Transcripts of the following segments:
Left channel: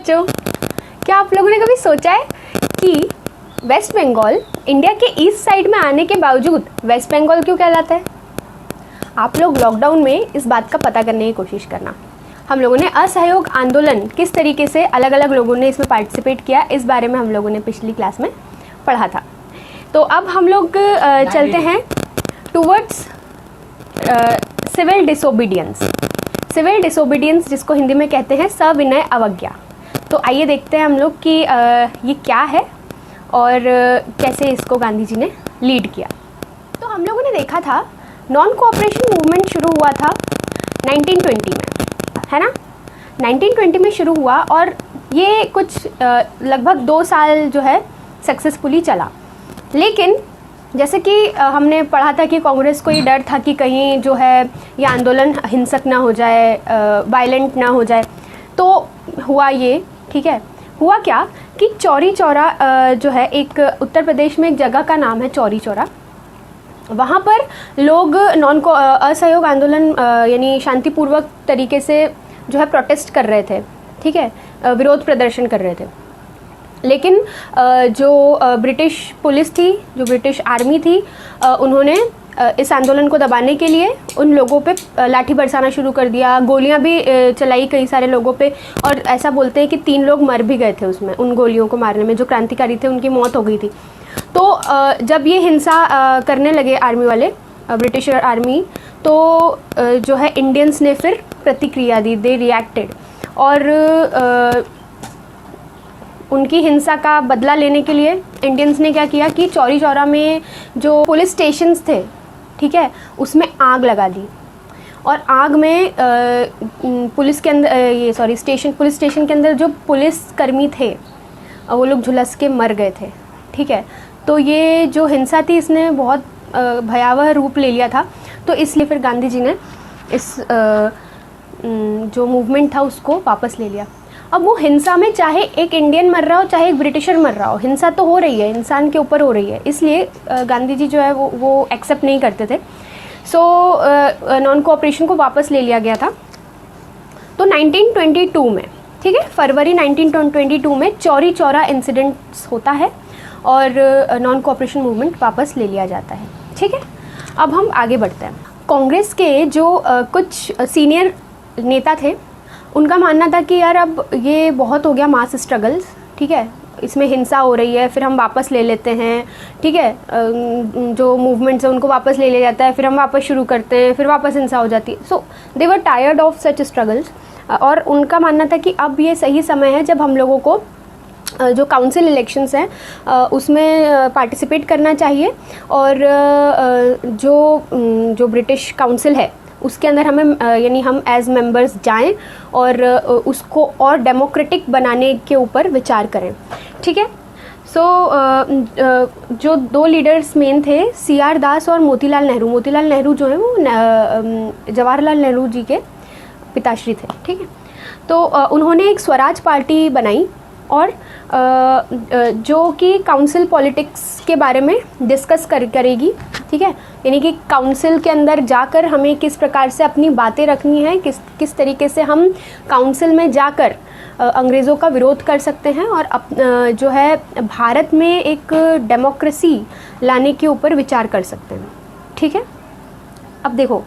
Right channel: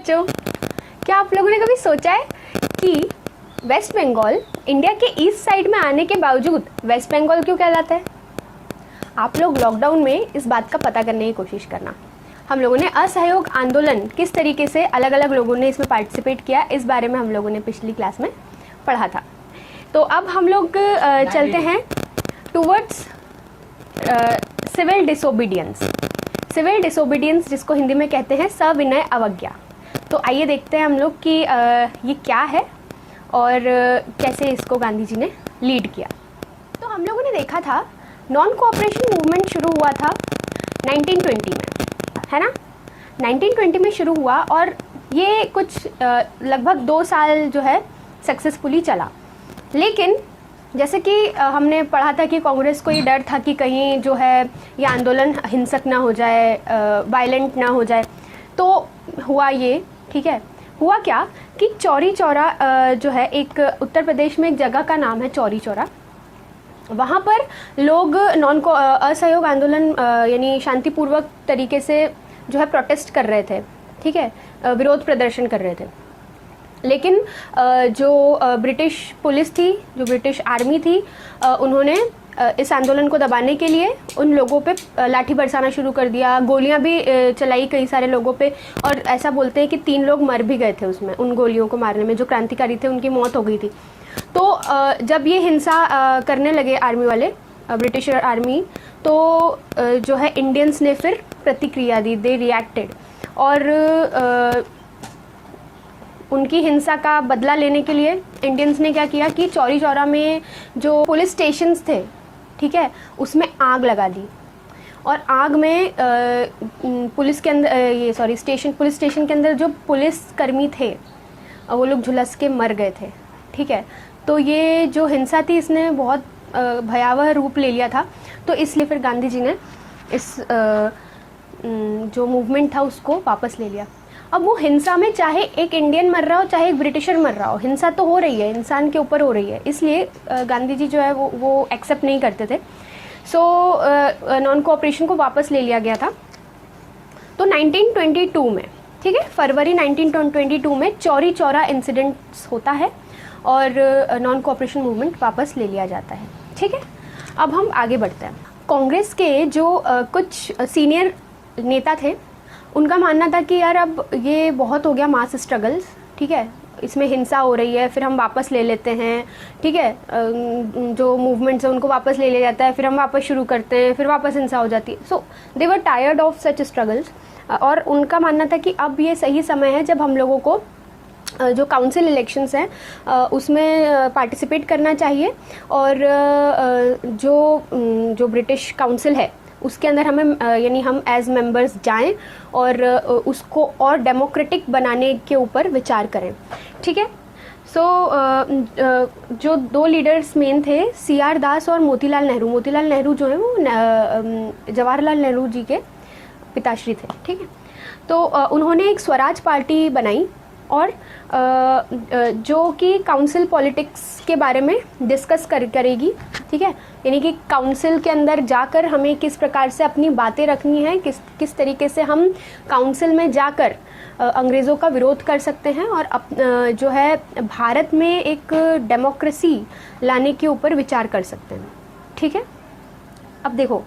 बच्चों, क्या आप लोगों ने कभी सोचा है कि वेस्ट बंगाल इंडिया के ईस्ट साइड में आने के बावजूद वेस्ट बंगाल क्यों कहलाता है? आप लोग लॉकडाउन में इस बात का पता करने की कोशिश करना। हम लोगों ने असहयोग आंदोलन किस तरीके से अलग अलग लोगों ने इसमें पार्टिसिपेट किया, इस बारे में हम लोगों ने पिछली क्लास में पढ़ा था। तो अब हम लोग चलते हैं towards civil disobedience. Civil disobedience जिसको हिंदी में कहते हैं सविनय अवज्ञा। तो आइए देखते हैं हम लोग कि ये क्या है और कैसे इसको गांधी जी ने लीड किया। तो हम लोगों ने देखा था नॉन कोऑपरेशन मूवमेंट शुरू हुआ था 1920 में, है ना। 1920 में शुरू हुआ और ये कुछ लगभग 2 साल जो है सक्सेसफुली चला। लेकिन जैसे कि हमने पढ़ा था कि कांग्रेस को ये डर था कि कहीं जो है ये आंदोलन हिंसक ना हो जाए, वायलेंट ना हो जाए। तो हुआ ये, ठीक है। हुआ क्या कि चौरी चौरा जो है एक उत्तर प्रदेश में एक जगह का नाम है चौरी चौरा। वहाँ पर लोग नॉन को असहयोग आंदोलन यानी शांतिपूर्वक तरीके से जो है प्रोटेस्ट कर रहे थे, ठीक है, विरोध प्रदर्शन कर रहे थे। लेकिन जो ब्रिटिश पुलिस थी, जो ब्रिटिश आर्मी थी, उन्होंने इस आंदोलन को दबाने के लिए उन लोगों पे लाठी बरसाना शुरू कर दिया, गोलियां भी चलाई कई सारे लोगों पे। और ऐसा बोलते हैं कि 3 लोग मर भी गए थे उसमें, उन गोलियों को मारने में। जो क्रांतिकारी थे उनकी मौत हो गई थी। तो जब ये हिंसा करने लगे आर्मी वाले, ब्रिटिश आर्मी, तो जो है इंडियंस ने फिर प्रतिक्रिया दी, दे रिएक्टेड। और उनकी हिंसा का बदला लेने के लिए इंडियंस ने क्या किया कि चौरी चौरा में जो पुलिस स्टेशंस थे, ठीक है, उसमें आग लगा दी। और आग में पुलिस के अंदर पुलिस स्टेशन के अंदर जो पुलिस कर्मी थे वो लोग झुलस के मर गए थे, ठीक है। तो ये जो हिंसा थी इसने बहुत भयावह रूप ले लिया था। तो इसलिए फिर गांधी जी ने इस जो मूवमेंट था उसको वापस ले लिया। अब वो हिंसा में चाहे एक इंडियन मर रहा हो चाहे एक ब्रिटिशर मर रहा हो, हिंसा तो हो रही है, इंसान के ऊपर हो रही है। इसलिए गांधी जी जो है वो एक्सेप्ट नहीं करते थे। सो नॉन कोऑपरेशन को वापस ले लिया गया था। तो 1922 में, ठीक है, फरवरी 1922 में चौरी चौरा इंसिडेंट्स होता है और नॉन कोऑपरेशन मूवमेंट वापस ले लिया जाता है, ठीक है। अब हम आगे बढ़ते हैं। कांग्रेस के जो कुछ सीनियर नेता थे, उनका मानना था कि यार अब ये बहुत हो गया मास स्ट्रगल्स, ठीक है, इसमें हिंसा हो रही है, फिर हम वापस ले लेते हैं, ठीक है। जो मूवमेंट्स है उनको वापस ले लिया जाता है, फिर हम वापस शुरू करते हैं, फिर वापस हिंसा हो जाती है। So they were tired of such struggles. और उनका मानना था कि अब ये सही समय है जब हम लोगों को जो काउंसिल इलेक्शंस हैं उसमें पार्टिसिपेट करना चाहिए। और जो ब्रिटिश काउंसिल है उसके अंदर हमें यानी हम एज मेंबर्स जाएं और उसको और डेमोक्रेटिक बनाने के ऊपर विचार करें, ठीक है। सो जो 2 लीडर्स मेन थे, CR दास और मोतीलाल नेहरू। मोतीलाल नेहरू जो है वो जवाहरलाल नेहरू जी के पिताश्री थे, ठीक है। तो उन्होंने एक स्वराज पार्टी बनाई और जो कि काउंसिल पॉलिटिक्स के बारे में डिस्कस करेगी, ठीक है। यानी कि काउंसिल के अंदर जाकर हमें किस प्रकार से अपनी बातें रखनी है, किस तरीके से हम काउंसिल में जाकर अंग्रेज़ों का विरोध कर सकते हैं और जो है भारत में एक डेमोक्रेसी लाने के ऊपर विचार कर सकते हैं, ठीक है। अब देखो,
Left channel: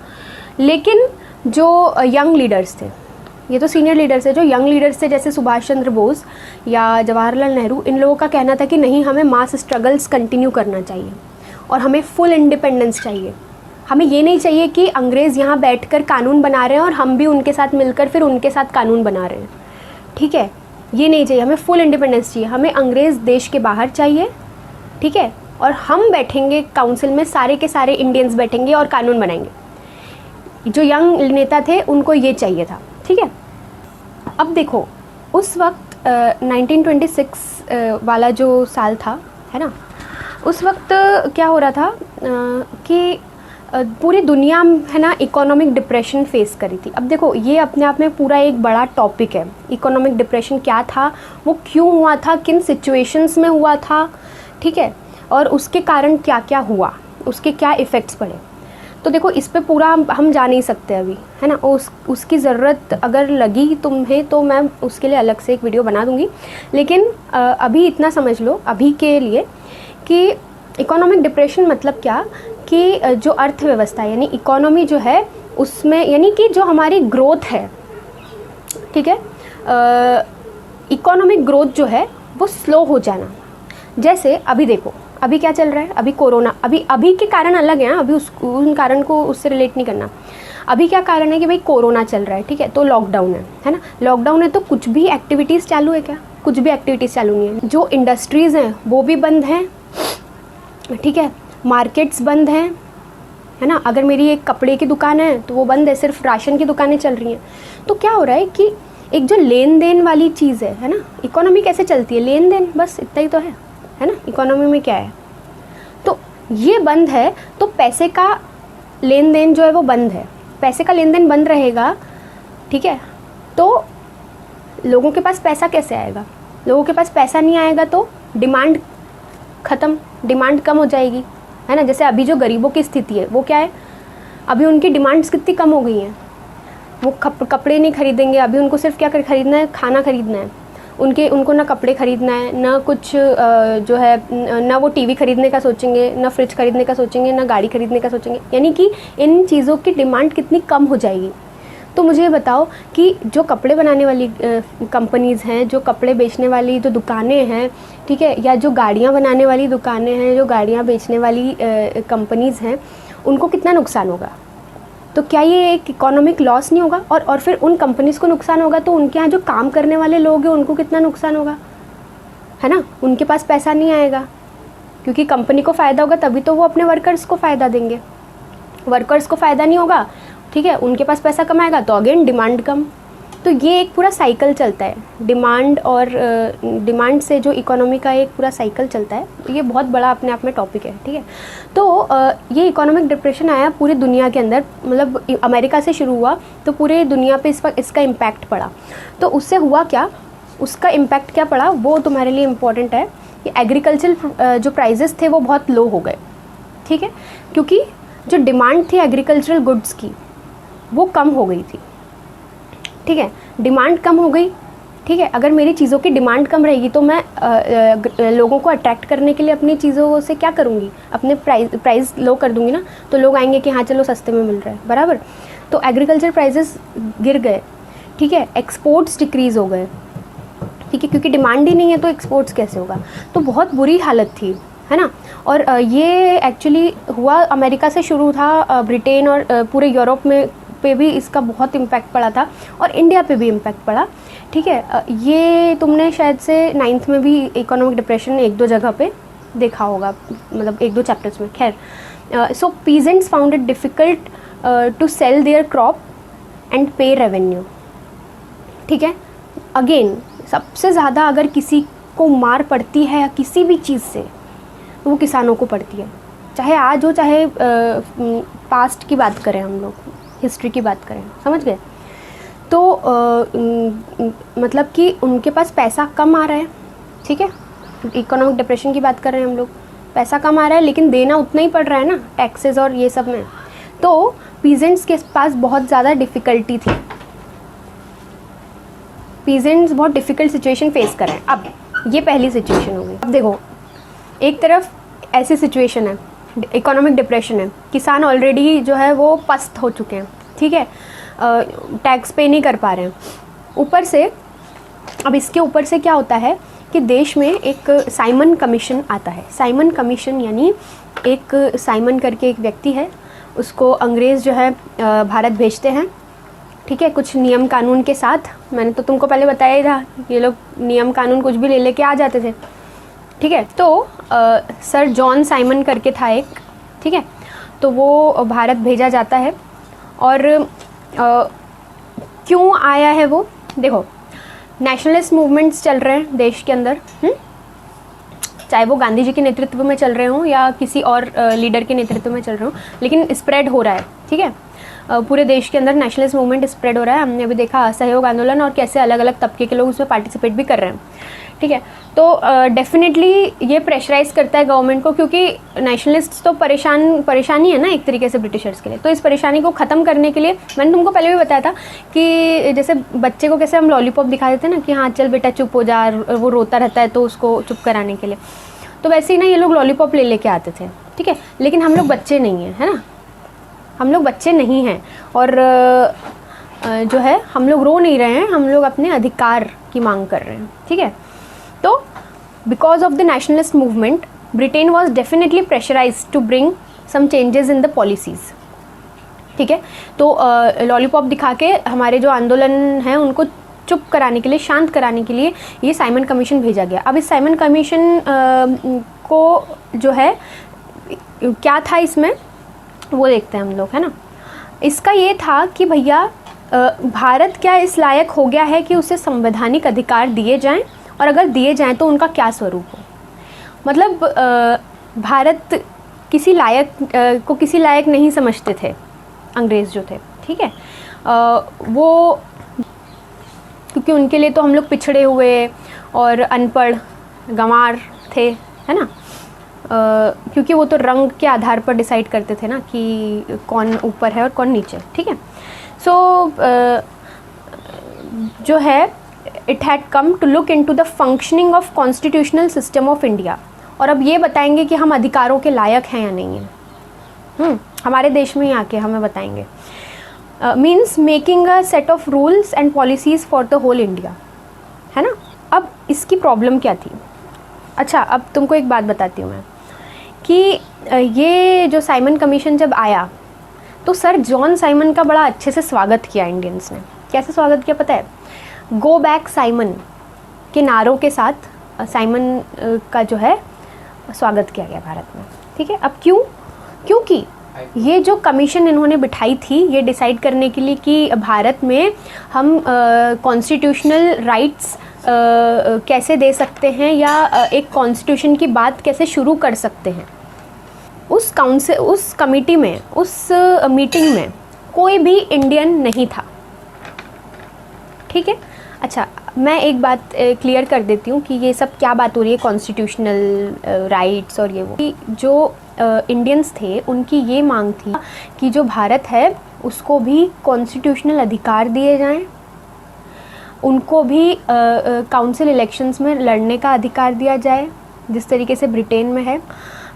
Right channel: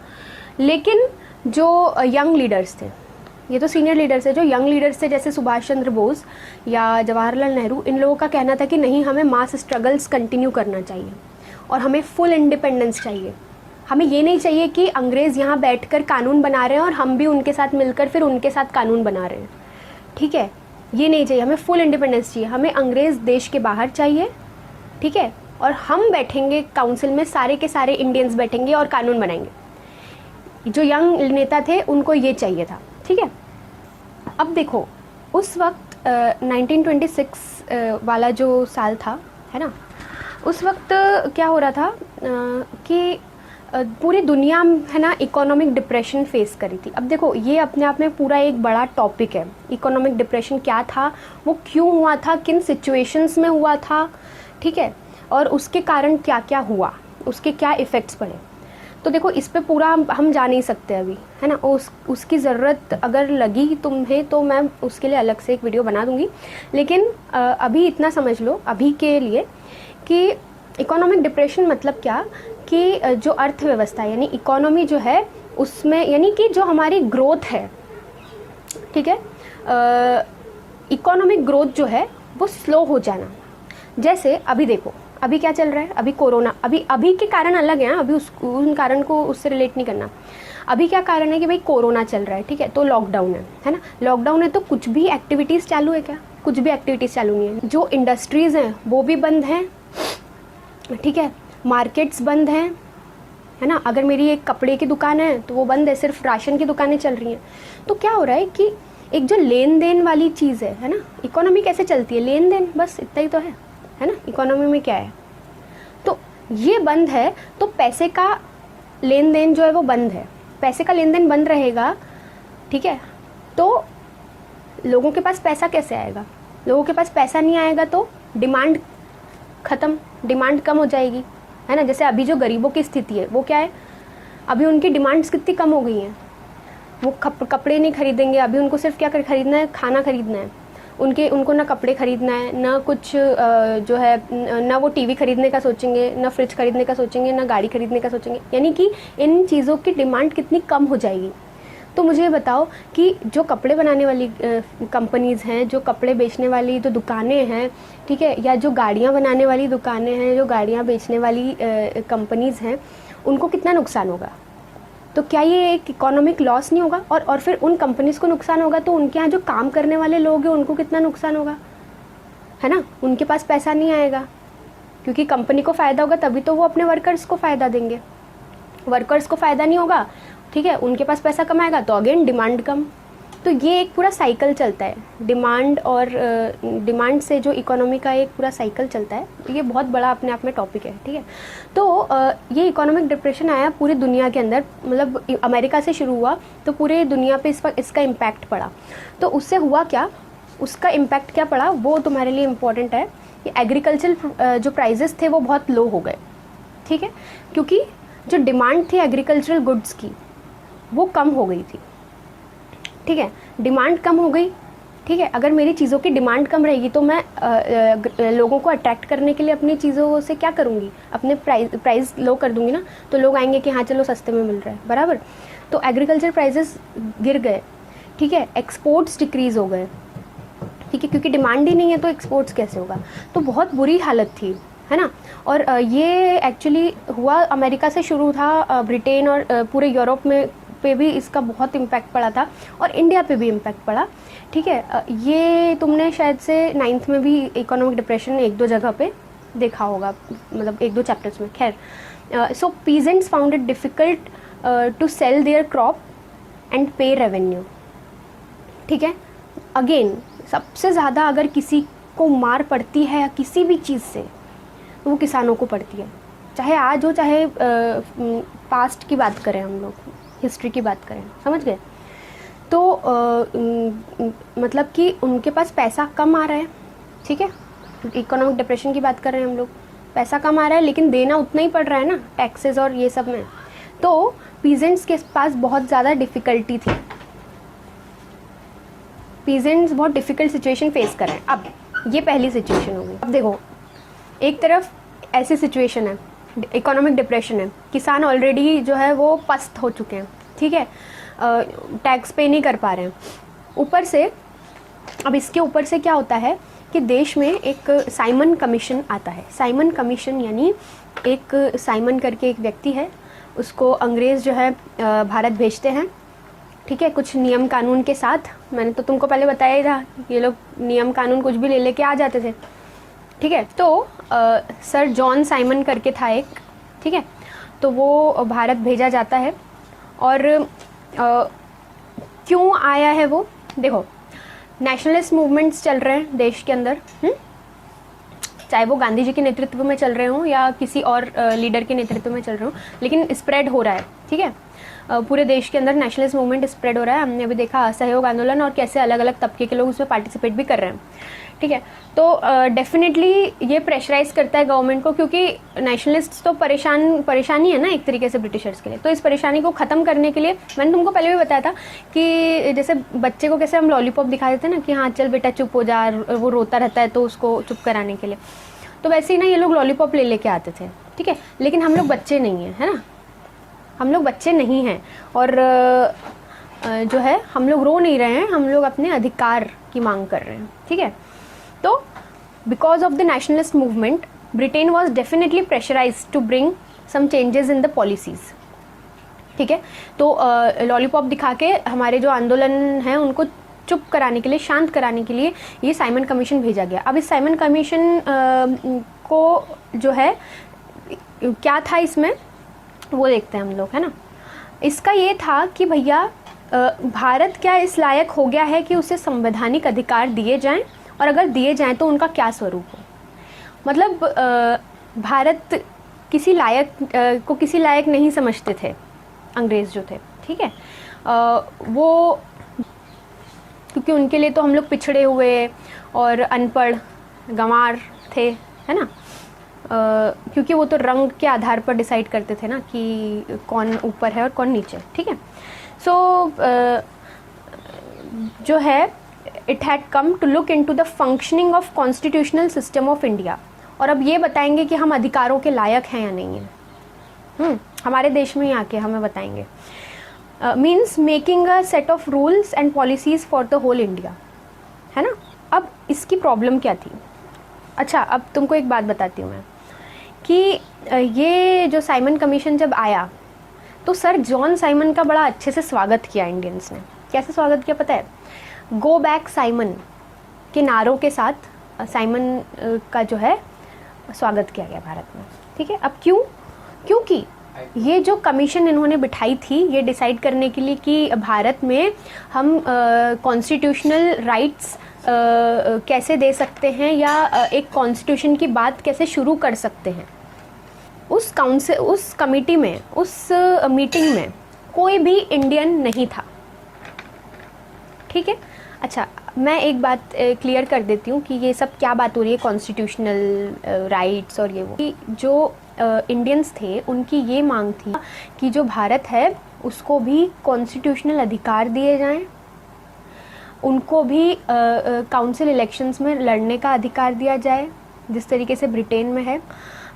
लेकिन जो यंग लीडर्स थे, ये तो सीनियर लीडर्स है, जो यंग लीडर्स थे जैसे सुभाष चंद्र बोस या जवाहरलाल नेहरू, इन लोगों का कहना था कि नहीं, हमें मास स्ट्रगल्स कंटिन्यू करना चाहिए और हमें फुल इंडिपेंडेंस चाहिए। हमें ये नहीं चाहिए कि अंग्रेज़ यहाँ बैठकर कानून बना रहे हैं और हम भी उनके साथ मिलकर फिर उनके साथ कानून बना रहे हैं, ठीक है। ये नहीं चाहिए, हमें फुल इंडिपेंडेंस चाहिए। हमें अंग्रेज़ देश के बाहर चाहिए, ठीक है, और हम बैठेंगे काउंसिल में, सारे के सारे इंडियंस बैठेंगे और कानून बनाएंगे। जो यंग नेता थे उनको ये चाहिए था, ठीक है। अब देखो, उस वक्त 1926 वाला जो साल था, है ना, उस वक्त क्या हो रहा था कि पूरी दुनिया, है ना, इकोनॉमिक डिप्रेशन फेस करी थी। अब देखो, ये अपने आप में पूरा एक बड़ा टॉपिक है। इकोनॉमिक डिप्रेशन क्या था, वो क्यों हुआ था, किन सिचुएशंस में हुआ था, ठीक है, और उसके कारण क्या क्या हुआ, उसके क्या इफ़ेक्ट्स पड़े। तो देखो इस पे पूरा हम जा नहीं सकते अभी, है ना। उसकी ज़रूरत अगर लगी तुम्हें तो मैं उसके लिए अलग से एक वीडियो बना दूँगी, लेकिन अभी इतना समझ लो अभी के लिए कि इकोनॉमिक डिप्रेशन मतलब क्या, कि जो अर्थव्यवस्था यानी इकोनॉमी जो है उसमें, यानी कि जो हमारी ग्रोथ है, ठीक है, इकोनॉमिक ग्रोथ जो है वो स्लो हो जाना। जैसे अभी देखो अभी क्या चल रहा है, अभी कोरोना, अभी के कारण अलग हैं, अभी उन कारण को उससे रिलेट नहीं करना। अभी क्या कारण है कि भाई कोरोना चल रहा है, ठीक है, तो लॉकडाउन है ना। लॉकडाउन है तो कुछ भी एक्टिविटीज़ चालू है क्या? कुछ भी एक्टिविटीज़ चालू नहीं है। जो इंडस्ट्रीज़ हैं वो भी बंद हैं, ठीक है, मार्केट्स बंद हैं, है ना। अगर मेरी एक कपड़े की दुकान है तो वो बंद है, सिर्फ राशन की दुकानें चल रही हैं। तो क्या हो रहा है कि एक जो लेन देन वाली चीज़ है ना, इकोनॉमी कैसे चलती है, लेन देन, बस इतना ही तो है ना। इकोनॉमी में क्या है, तो ये बंद है तो पैसे का लेन देन जो है वो बंद है। पैसे का लेन देन बंद रहेगा, ठीक है, तो लोगों के पास पैसा कैसे आएगा? लोगों के पास पैसा नहीं आएगा तो डिमांड ख़त्म, डिमांड कम हो जाएगी, है ना। जैसे अभी जो गरीबों की स्थिति है वो क्या है, अभी उनकी डिमांड्स कितनी कम हो गई हैं। वो कपड़े नहीं खरीदेंगे, अभी उनको सिर्फ क्या खरीदना है, खाना खरीदना है। उनको ना कपड़े खरीदना है, ना कुछ जो है, ना वो टीवी खरीदने का सोचेंगे, ना फ्रिज खरीदने का सोचेंगे, ना गाड़ी खरीदने का सोचेंगे। यानी कि इन चीज़ों की डिमांड कितनी कम हो जाएगी। तो मुझे ये बताओ कि जो कपड़े बनाने वाली कंपनीज़ हैं, जो कपड़े बेचने वाली जो दुकानें हैं, ठीक है, या जो गाड़ियाँ बनाने वाली दुकानें हैं, जो गाड़ियाँ बेचने वाली कंपनीज़ हैं, उनको कितना नुकसान होगा? तो क्या ये एक इकोनॉमिक लॉस नहीं होगा? और फिर उन कंपनीज़ को नुकसान होगा तो उनके यहाँ जो काम करने वाले लोग हैं उनको कितना नुकसान होगा, है ना। उनके पास पैसा नहीं आएगा, क्योंकि कंपनी को फ़ायदा होगा तभी तो वो अपने वर्कर्स को फ़ायदा देंगे। वर्कर्स को फ़ायदा नहीं होगा, ठीक है, उनके पास पैसा कम आएगा तो अगेन डिमांड कम। तो ये एक पूरा साइकिल चलता है, डिमांड और डिमांड से जो इकोनॉमी का एक पूरा साइकिल चलता है। ये बहुत बड़ा अपने आप में टॉपिक है, ठीक है। तो ये इकोनॉमिक डिप्रेशन आया पूरी दुनिया के अंदर, मतलब अमेरिका से शुरू हुआ तो पूरे दुनिया पे इसका इम्पैक्ट पड़ा। तो उससे हुआ क्या, उसका इम्पैक्ट क्या पड़ा वो तुम्हारे लिए इम्पॉर्टेंट है कि एग्रीकल्चर जो प्राइजेस थे वो बहुत लो हो गए, ठीक है, क्योंकि जो डिमांड थी एग्रीकल्चरल गुड्स की वो कम हो गई थी, ठीक है, डिमांड कम हो गई, ठीक है। अगर मेरी चीज़ों की डिमांड कम रहेगी तो मैं लोगों को अट्रैक्ट करने के लिए अपनी चीज़ों से क्या करूँगी, अपने प्राइस लो कर दूँगी ना, तो लोग आएंगे कि हाँ चलो सस्ते में मिल रहा है, बराबर। तो एग्रीकल्चर प्राइजेस गिर गए, ठीक है, एक्सपोर्ट्स डिक्रीज़ हो गए, ठीक है, क्योंकि डिमांड ही नहीं है तो एक्सपोर्ट्स कैसे होगा। तो बहुत बुरी हालत थी, है ना। और ये एक्चुअली हुआ अमेरिका से शुरू था, ब्रिटेन और पूरे यूरोप में पे भी इसका बहुत इम्पैक्ट पड़ा था और इंडिया पे भी इम्पैक्ट पड़ा, ठीक है। ये तुमने शायद से 9th में भी इकोनॉमिक डिप्रेशन 1-2 जगह पे देखा होगा, मतलब 1-2 चैप्टर्स में। खैर, so peasants found it difficult to sell their crop and pay revenue, ठीक है। अगेन सबसे ज़्यादा अगर किसी को मार पड़ती है किसी भी चीज़ से तो वो किसानों को पड़ती है, चाहे आज हो चाहे पास्ट की बात करें, हम लोग हिस्ट्री की बात करें, समझ गए। तो मतलब कि उनके पास पैसा कम आ रहा है, ठीक है, इकोनॉमिक डिप्रेशन की बात कर रहे हैं हम लोग, पैसा कम आ रहा है लेकिन देना उतना ही पड़ रहा है ना, टैक्सेस और ये सब में। तो पीजेंट्स के पास बहुत ज़्यादा डिफ़िकल्टी थी, पीजेंट्स बहुत डिफ़िकल्ट सिचुएशन फेस कर रहे हैं। अब ये पहली सिचुएशन हो गई। अब देखो एक तरफ ऐसी सिचुएशन है, इकोनॉमिक डिप्रेशन है, किसान ऑलरेडी जो है वो पस्त हो चुके हैं, ठीक है, टैक्स पे नहीं कर पा रहे हैं। ऊपर से अब इसके ऊपर से क्या होता है कि देश में एक साइमन कमीशन आता है। साइमन कमीशन यानी एक साइमन करके एक व्यक्ति है, उसको अंग्रेज़ जो है भारत भेजते हैं, ठीक है, कुछ नियम कानून के साथ। मैंने तो तुमको पहले बताया ही था, ये लोग नियम कानून कुछ भी ले लेके आ जाते थे, ठीक है। तो सर जॉन साइमन करके था एक, ठीक है, तो वो भारत भेजा जाता है। और क्यों आया है वो, देखो नेशनलिस्ट मूवमेंट्स चल रहे हैं देश के अंदर, चाहे वो गांधी जी के नेतृत्व में चल रहे हों या किसी और लीडर के नेतृत्व में चल रहे हों, लेकिन स्प्रेड हो रहा है, ठीक है। पूरे देश के अंदर नेशनलिस्ट मूवमेंट स्प्रेड हो रहा है। हमने अभी देखा असहयोग आंदोलन और कैसे अलग अलग तबके के लोग उसमें पार्टिसिपेट भी कर रहे हैं, ठीक है। तो डेफिनेटली ये प्रेशराइज करता है गवर्नमेंट को, क्योंकि नेशनलिस्ट तो परेशानी है ना एक तरीके से ब्रिटिशर्स के लिए। तो इस परेशानी को ख़त्म करने के लिए मैंने तुमको पहले भी बताया था कि जैसे बच्चे को कैसे हम लॉलीपॉप दिखा देते हैं ना कि हाँ चल बेटा चुप हो जा, वो रोता रहता है तो उसको चुप कराने के लिए, तो वैसे ही ना ये लोग लॉलीपॉप ले लेके आते थे, ठीक है। लेकिन हम लोग बच्चे नहीं हैं, है ना, हम लोग बच्चे नहीं हैं। और जो है हम लोग रो नहीं रहे हैं, हम लोग अपने अधिकार की मांग कर रहे हैं, ठीक है। तो because of the nationalist movement Britain was definitely pressurize to bring some changes in the policies, ठीक है। तो लॉलीपॉप दिखा के हमारे जो आंदोलन हैं उनको चुप कराने के लिए, शांत कराने के लिए ये साइमन कमीशन भेजा गया। अब इस साइमन कमीशन को जो है क्या था इसमें वो देखते हैं हम लोग, है ना। इसका ये था कि भैया भारत क्या इस लायक हो गया है कि उसे संवैधानिक अधिकार दिए जाएं, और अगर दिए जाएं तो उनका क्या स्वरूप हो। मतलब भारत किसी लायक नहीं समझते थे अंग्रेज़ जो थे, ठीक है। वो क्योंकि उनके लिए तो हम लोग पिछड़े हुए और अनपढ़ गंवार थे, है ना। क्योंकि वो तो रंग के आधार पर डिसाइड करते थे ना कि कौन ऊपर है और कौन नीचे, ठीक है। सो जो है it had come to look into the functioning of constitutional system of India, और अब ये बताएंगे कि हम अधिकारों के लायक हैं या नहीं हैं। हमारे देश में ही आके हमें बताएंगे। Means making a set of rules and policies for the whole India, है ना। अब इसकी प्रॉब्लम क्या थी। अच्छा, अब तुमको एक बात बताती हूँ मैं कि ये जो साइमन कमीशन जब आया तो सर जॉन साइमन का बड़ा अच्छे से स्वागत किया इंडियंस ने। कैसे स्वागत किया पता है? गो बैक साइमन के नारों के साथ साइमन का जो है स्वागत किया गया भारत में, ठीक है। अब क्योंकि ये जो कमीशन इन्होंने बिठाई थी ये डिसाइड करने के लिए कि भारत में हम कॉन्स्टिट्यूशनल राइट्स कैसे दे सकते हैं या एक कॉन्स्टिट्यूशन की बात कैसे शुरू कर सकते हैं। उस कमेटी में, उस मीटिंग में कोई भी इंडियन नहीं था, ठीक है। अच्छा, मैं एक बात क्लियर कर देती हूँ कि ये सब क्या बात हो रही है कॉन्स्टिट्यूशनल राइट्स और ये वो। कि जो इंडियंस थे उनकी ये मांग थी कि जो भारत है उसको भी कॉन्स्टिट्यूशनल अधिकार दिए जाएं, उनको भी काउंसिल इलेक्शंस में लड़ने का अधिकार दिया जाए जिस तरीके से ब्रिटेन में है।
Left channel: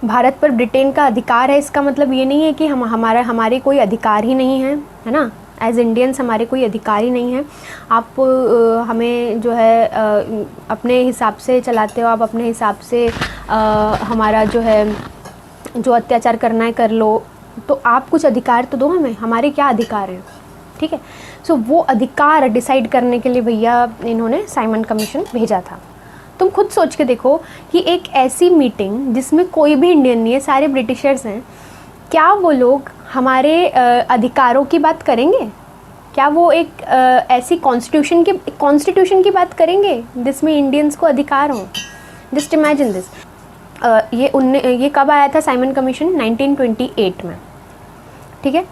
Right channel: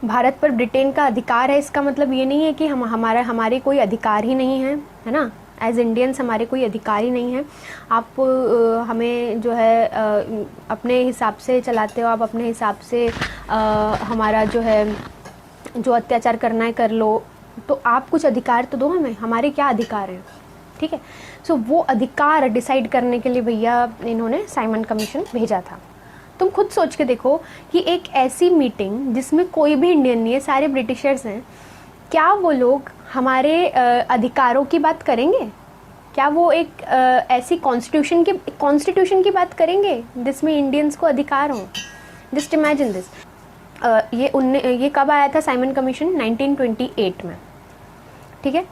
भारत पर ब्रिटेन का अधिकार है, इसका मतलब ये नहीं है कि हमारे कोई अधिकार ही नहीं है ना। एज इंडियंस हमारे कोई अधिकार ही नहीं है। आप हमें जो है अपने हिसाब से चलाते हो, आप अपने हिसाब से हमारा जो है जो अत्याचार करना है कर लो, तो आप कुछ अधिकार तो दो हमें, हमारे क्या अधिकार हैं, ठीक है। सो वो अधिकार डिसाइड करने के लिए भैया इन्होंने साइमन कमीशन भेजा था। तुम खुद सोच के देखो कि एक ऐसी मीटिंग जिसमें कोई भी इंडियन नहीं है, सारे ब्रिटिशर्स हैं, क्या वो लोग हमारे अधिकारों की बात करेंगे? क्या वो एक ऐसी कॉन्स्टिट्यूशन की बात करेंगे जिसमें इंडियंस को अधिकार हो? Just imagine this. ये कब आया था साइमन कमीशन? 1928 में, ठीक है।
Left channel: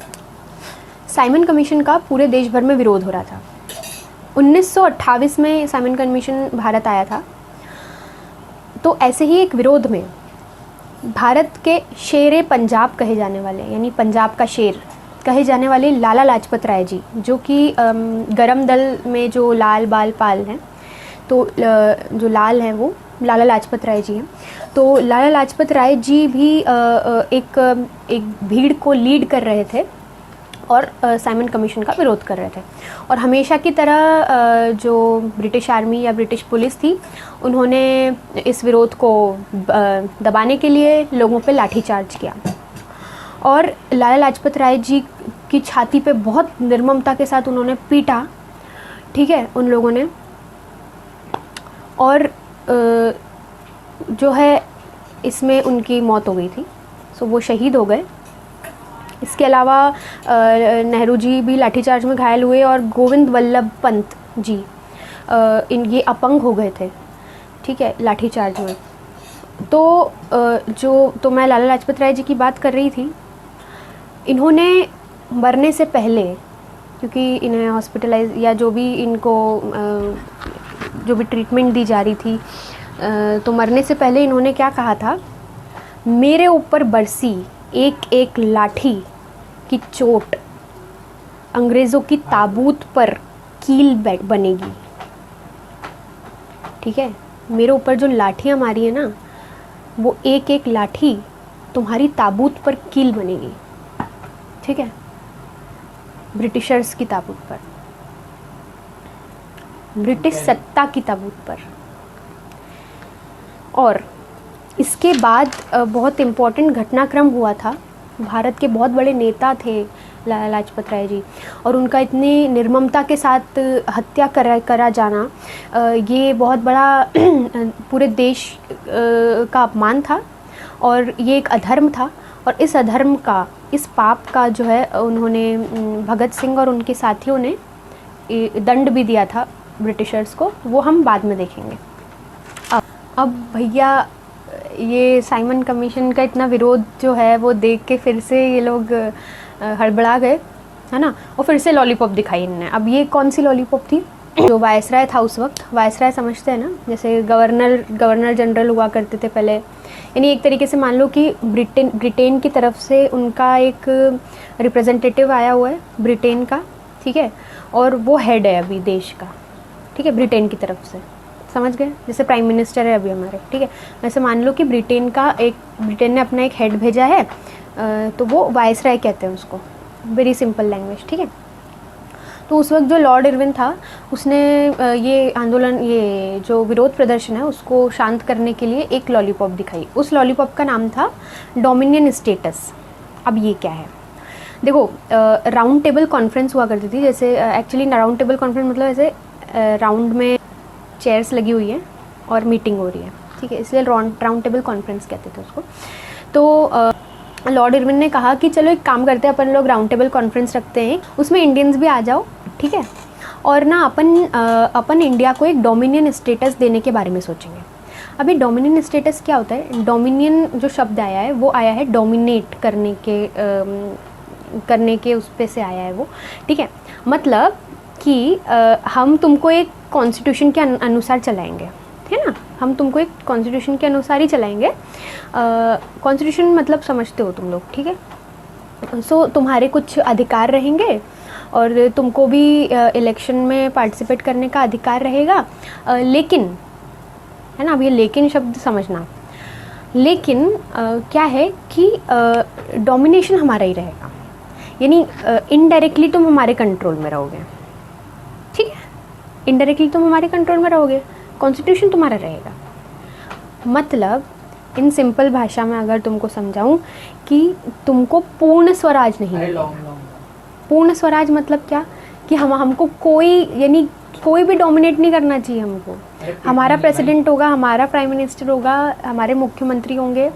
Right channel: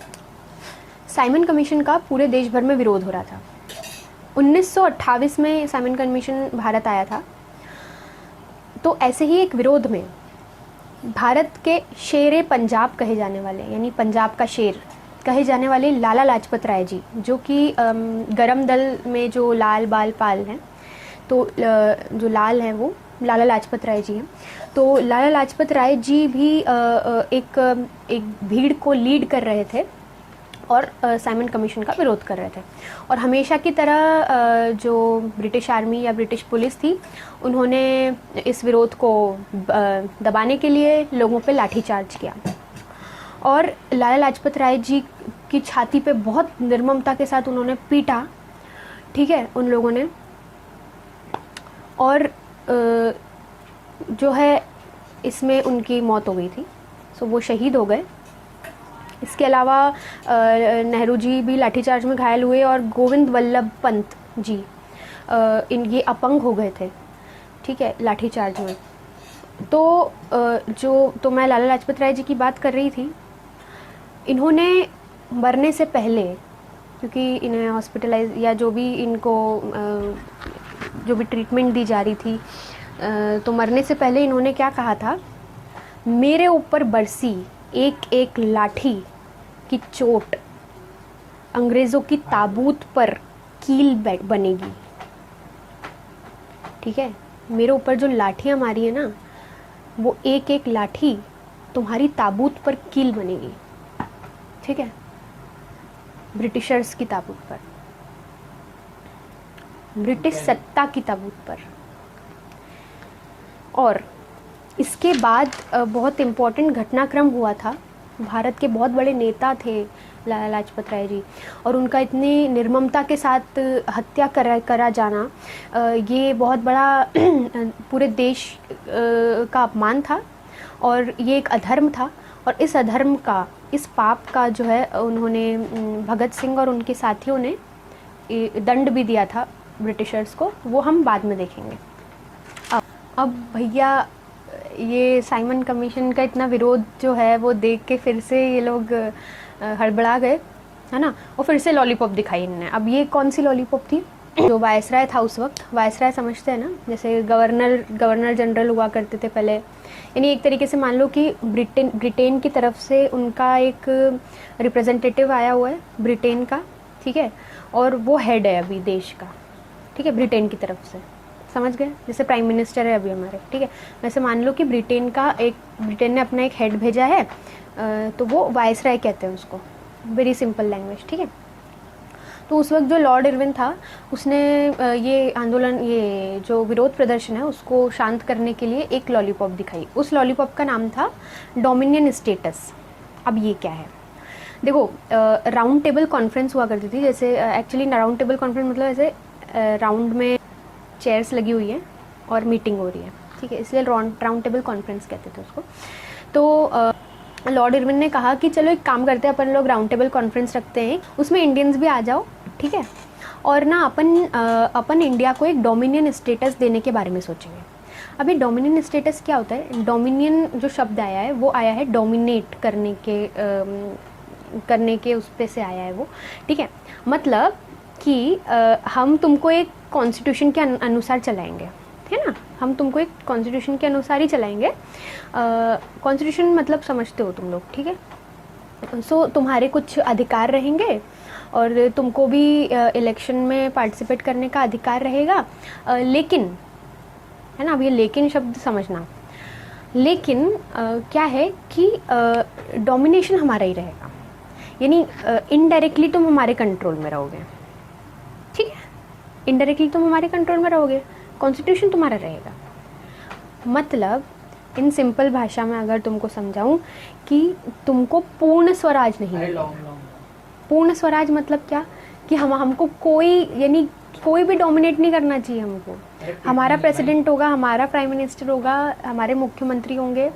साइमन कमीशन का पूरे देश भर में विरोध हो रहा था। 1928 में साइमन कमीशन भारत आया था। तो ऐसे ही एक विरोध में भारत के शेरे पंजाब कहे जाने वाले, यानी पंजाब का शेर कहे जाने वाले लाला लाजपत राय जी, जो कि गरम दल में जो लाल बाल पाल हैं, तो जो लाल हैं वो लाला लाजपत राय जी हैं। तो लाला लाजपत राय जी भी एक भीड़ को लीड कर रहे थे और साइमन कमीशन का विरोध कर रहे थे। और हमेशा की तरह जो ब्रिटिश आर्मी या ब्रिटिश पुलिस थी, उन्होंने इस विरोध को दबाने के लिए लोगों पे लाठीचार्ज किया और लाला लाजपत राय जी की छाती पे बहुत निर्ममता के साथ उन्होंने पीटा, ठीक है, उन लोगों ने। और जो है इसमें उनकी मौत हो गई थी। सो वो शहीद हो गए। इसके अलावा नेहरू जी भी लाठीचार्ज में घायल हुए और गोविंद वल्लभ पंत जी ये अपंग हो गए थे, ठीक है, लाठीचार्ज में। तो मैं लाला लाजपत राय जी की बात कर रही थी। इन्होंने मरने से पहले, क्योंकि इन्हें हॉस्पिटलाइज या जो भी इनको जो भी ट्रीटमेंट दी जा रही थी, तो मरने से पहले इन्होंने क्या कहा था, मेरे ऊपर बरसी एक एक लाठी की चोट अंग्रेज़ों की ताबूत पर कील बनेगी। ठीक है, मेरे ऊपर जो लाठियाँ मारी है ना, वो एक एक लाठी तुम्हारी ताबूत पर कील बनेगी। ठीक है, ब्रिटिशर्स की ताबूत पर, ब्रिटिश सत्ता की ताबूत पर। और इसके बाद बहुत इम्पोर्टेंट घटनाक्रम हुआ था। भारत के बहुत बड़े नेता थे लाला लाजपत राय जी, और उनका इतनी निर्ममता के साथ हत्या करा जाना, ये बहुत बड़ा पूरे देश का अपमान था, और ये एक अधर्म था। और इस अधर्म का, इस पाप का जो है, उन्होंने भगत सिंह और उनके साथियों ने दंड भी दिया था ब्रिटिशर्स को, वो हम बाद में देखेंगे। अब भैया ये साइमन कमीशन का इतना विरोध जो है वो देख के फिर से ये लोग हड़बड़ा गए, है ना, और फिर से लॉलीपॉप दिखाई इन्होंने। अब ये कौन सी लॉलीपॉप थी? जो वायसराय था उस वक्त, वायसराय समझते हैं ना, जैसे गवर्नर जनरल हुआ करते थे पहले, यानी एक तरीके से मान लो कि ब्रिटेन की तरफ से उनका एक रिप्रेजेंटेटिव आया हुआ है ब्रिटेन का, ठीक है, और वो हेड है अभी देश का, ठीक है, ब्रिटेन की तरफ से, समझ गए, जैसे प्राइम मिनिस्टर है अभी हमारे, ठीक है, वैसे मान लो कि ब्रिटेन ने अपना एक हेड भेजा है, तो वो वायसराय कहते हैं उसको, वेरी सिंपल लैंग्वेज, ठीक है। तो उस वक्त जो लॉर्ड इरविन था, उसने ये आंदोलन, ये जो विरोध प्रदर्शन है उसको शांत करने के लिए एक लॉलीपॉप दिखाई। उस लॉलीपॉप का नाम था डोमिनियन स्टेटस। अब ये क्या है? देखो, राउंड टेबल कॉन्फ्रेंस हुआ करती थी, जैसे एक्चुअली राउंड टेबल कॉन्फ्रेंस मतलब ऐसे राउंड में चेयर्स लगी हुई है और मीटिंग हो रही है, ठीक है, इसलिए राउंड टेबल कॉन्फ्रेंस कहते थे उसको। तो लॉर्ड इरविन ने कहा कि चलो एक काम करते हैं, अपन लोग राउंड टेबल कॉन्फ्रेंस रखते हैं, उसमें इंडियंस भी आ जाओ, ठीक है, और ना अपन इंडिया को एक डोमिनियन स्टेटस देने के बारे में सोचेंगे। अभी डोमिनियन स्टेटस क्या होता है? डोमिनियन जो शब्द आया है वो आया है डोमिनेट करने के उस पे से आया है वो, ठीक है, मतलब कि हम तुमको एक कॉन्स्टिट्यूशन के अनुसार चलाएंगे, है ना, हम तुमको एक कॉन्स्टिट्यूशन के अनुसार ही चलाएंगे। कॉन्स्टिट्यूशन मतलब समझते हो तुम लोग, ठीक है। सो तुम्हारे कुछ अधिकार रहेंगे और तुमको भी इलेक्शन में पार्टिसिपेट करने का अधिकार रहेगा, लेकिन, है ना, अब ये लेकिन शब्द समझना, लेकिन क्या है कि डोमिनेशन हमारा ही रहेगा, यानी इनडायरेक्टली तुम हमारे कंट्रोल में रहोगे, ठीक है, इनडायरेक्टली तुम हमारे कंट्रोल में रहोगे, कॉन्स्टिट्यूशन तुम्हारा रहेगा। मतलब इन सिंपल भाषा में अगर तुमको समझाऊं कि तुमको पूर्ण स्वराज नहीं मिलेगा। पूर्ण स्वराज मतलब क्या? कि हमको कोई, यानी कोई भी डोमिनेट नहीं करना चाहिए हमको। हमारा प्रेसिडेंट होगा, हमारा प्राइम मिनिस्टर होगा, हमारे मुख्यमंत्री होंगे,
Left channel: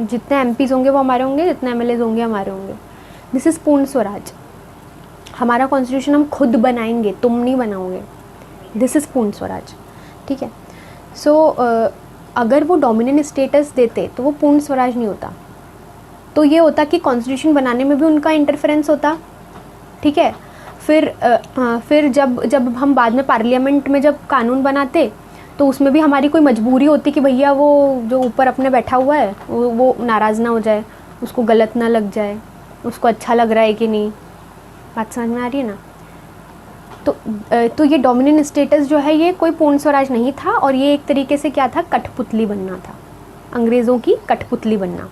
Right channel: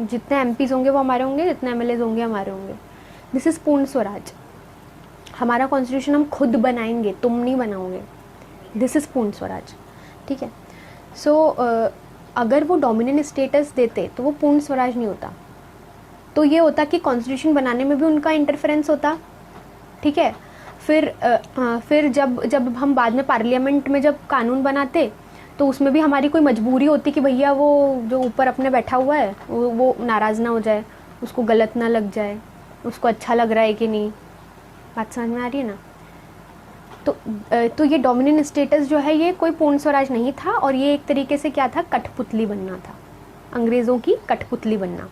जितने एमपीज होंगे वो हमारे होंगे, जितने एमएलएज होंगे हमारे होंगे। दिस इज़ पूर्ण स्वराज। हमारा कॉन्स्टिट्यूशन हम खुद बनाएंगे, तुम नहीं बनाओगे। दिस इज़ पूर्ण स्वराज, ठीक है। सो अगर वो डोमिनेंट स्टेटस देते तो वो पूर्ण स्वराज नहीं होता, तो ये होता कि कॉन्स्टिट्यूशन बनाने में भी उनका इंटरफेरेंस होता, ठीक है। फिर जब हम बाद में पार्लियामेंट में जब कानून बनाते तो उसमें भी हमारी कोई मजबूरी होती कि भैया वो जो ऊपर अपने बैठा हुआ है वो नाराज़ ना हो जाए, उसको गलत ना लग जाए, उसको अच्छा लग रहा है कि नहीं। बात समझ में आ रही है ना? तो ये डोमिनेंट स्टेटस जो है ये कोई पूर्ण स्वराज नहीं था, और ये एक तरीके से क्या था, कठपुतली बनना था, अंग्रेज़ों की कठपुतली बनना।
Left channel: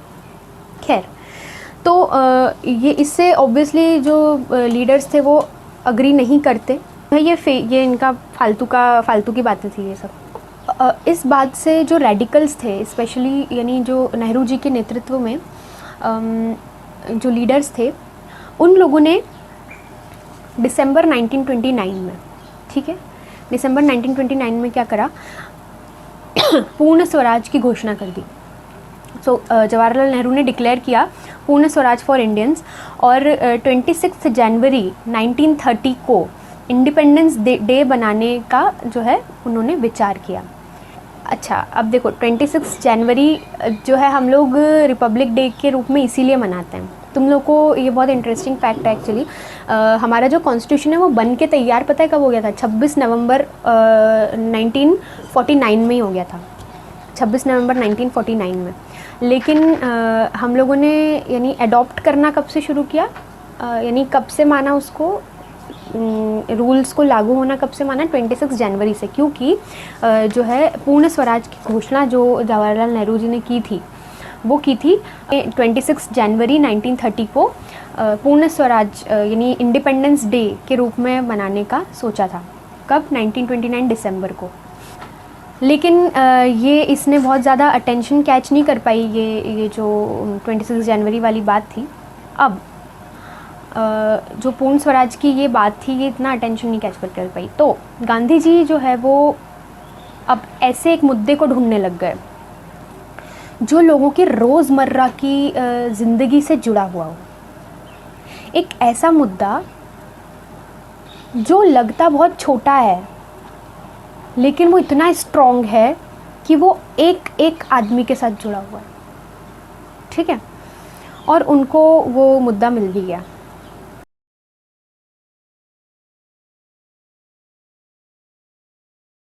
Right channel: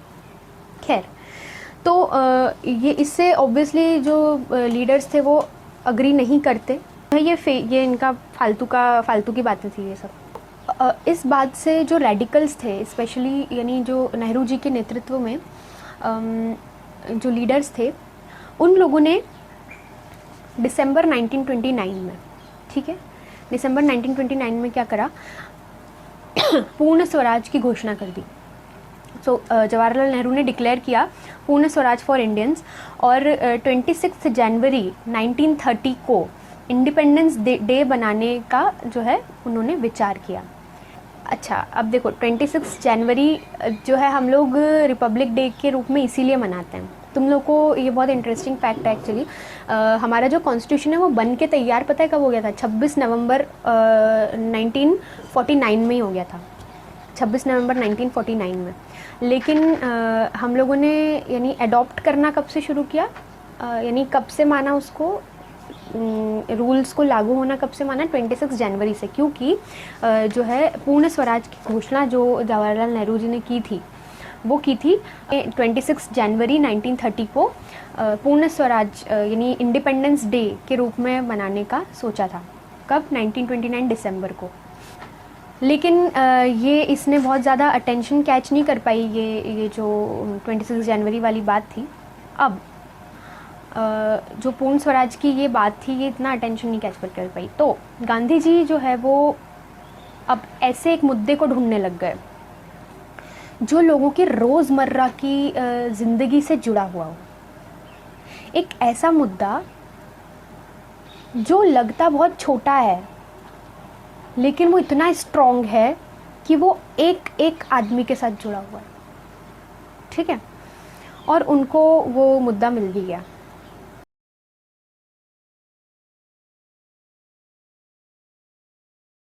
खैर, तो ये इससे ऑब्वियसली जो लीडर्स थे वो अग्री नहीं करते। ये इनका फालतू की बातें थी ये सब। इस बात से जो रेडिकल्स थे, स्पेशली यानी जो नेहरू जी के नेतृत्व में जो लीडर्स थे, उन लोगों ने दिसंबर 1929 में, ठीक है, दिसंबर 1929 में क्या करा, पूर्ण स्वराज की घोषणा कर दी। सो जवाहरलाल नेहरू ने डिक्लेयर किया पूर्ण स्वराज फॉर इंडियंस, और 26 जनवरी 1930 को इंडिपेंडेंस डे बनाने का जो है उन्होंने विचार किया। अच्छा, अब देखो 26 जनवरी जो है हम लोग रिपब्लिक डे के रूप में इसीलिए मनाते हैं, तुम लोग को ये बहुत इंटरेस्टिंग फैक्ट है एक्चुअली। हमारा जो कॉन्स्टिट्यूशन है वो बन के तैयार पता है कब हो गया था? 26 नवंबर 1949 में ही हो गया था, 26 नवंबर 1949 में। लेकिन हम लोगों ने यानी अडॉप्ट करना कब से शुरू किया, यानी कब से माना उसको, रूल्स को लागू होना कब से माना? 26 जनवरी से, क्योंकि जो है पूर्ण स्वराज की घोषणा जो जवाहरलाल नेहरू जी ने की थी वो की थी 26 जनवरी 1930 को पूर्ण स्वराज यानी इंडिपेंडेंस डे के रूप में मनाने का सोचा था। कब? 1929 दिसंबर को। लेकिन ये इसने बहुत ज़्यादा अटेंशन कैच नहीं कर पाई, ये जो 26 जनवरी वाली बात थी। अब जो पूर्ण स्वराज की ये बात थी ये इतना अटेंशन नहीं कैच कर पाई, तो गांधी जी जो है वो अब ऐसे एक मुद्दे को ढूंढने लग गए जो लोगों के रोज़मर्रा की ज़िंदगी से जुड़ा हुआ हो। एक ऐसा मुद्दा जो लगता बहुत छोटा है लेकिन वो इतना स्ट्रॉन्ग है कि वो एक एक आदमी के साथ जुड़ा हुआ है, ठीक है। और उनको वो मुद्दा मिल भी गया।